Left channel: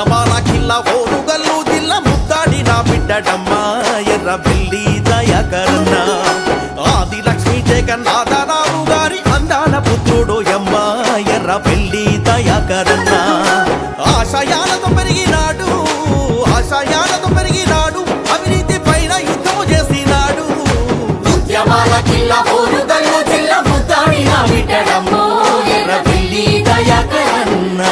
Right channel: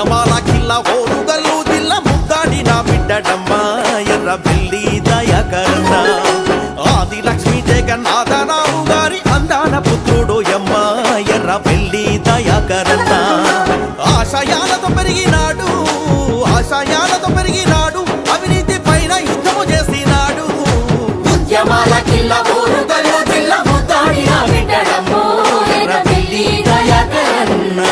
ఉద్యమాల కిల్ల ఓరుగల్లు జిల్ల ముద్దాడిన బిడ్డడమ్మా ఎర్రబెల్లి దయాకరన్న ఆది లక్ష్మీ జగన్నాథరావు గారి అందాన పుత్రుడు యమ్మ ఎర్రబెల్లి దయాకరన్న ఆశయాలతో పెరిగినాడు అవినీతి పైన యుద్ధము చేసినాడు ఉద్యమాల కిల్ల ఓరుగల్లు జిల్ల ముద్దాడిన బిడ్డడమ్మో ఎర్రబెల్లి దయాకరన్న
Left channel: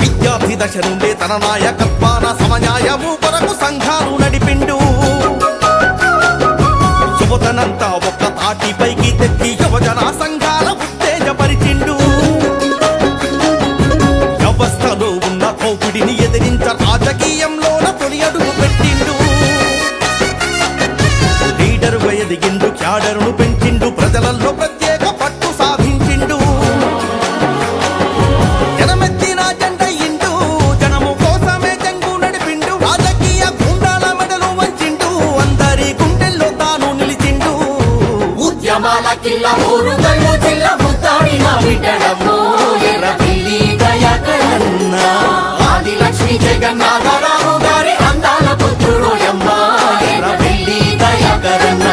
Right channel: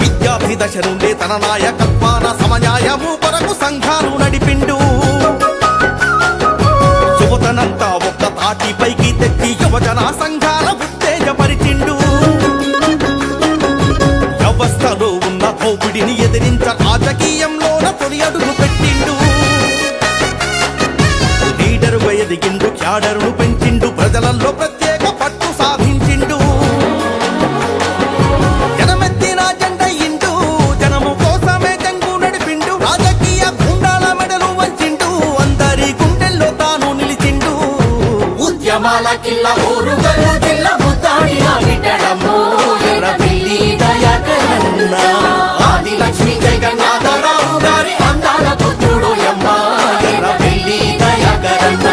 విద్యార్థి దశ నుండే తన నాయకత్వాన సమన్యాయము కొరకు సంఘాలు నడిపిండు యువతనంతా ఒక్క తాటిపైకి తెచ్చి యువజన సంఘాల ఉత్తేజపరిచిండు వ్యవస్థలో ఉన్న దోపిడిని ఎదిరించ రాజకీయంలోన తొలి అడుగు పెట్టిండు లీడరుగా ఎదిగిండు క్యాడరును పెంచిండు ప్రజలలో ప్రత్యేక పట్టు సాధించిండు జనమెత్తిన జెండయిండు జనము కోసమే జంగు నడిపిండు రాజకీయ గుండాల మెడలు వంచిండు అందరి గుండెల్లో తాను నిలిచిండు ఉద్యమాల కిల్ల ఓరుగల్లు జిల్ల ముద్దాడిన బిడ్డడమ్మో ఎర్రబెల్లి దయాకరన్న ఆది లక్ష్మీ జగన్నాథరావు గారి అందాల పుత్రుడు యమ్మ ఎర్రబెల్లి దయాకరన్న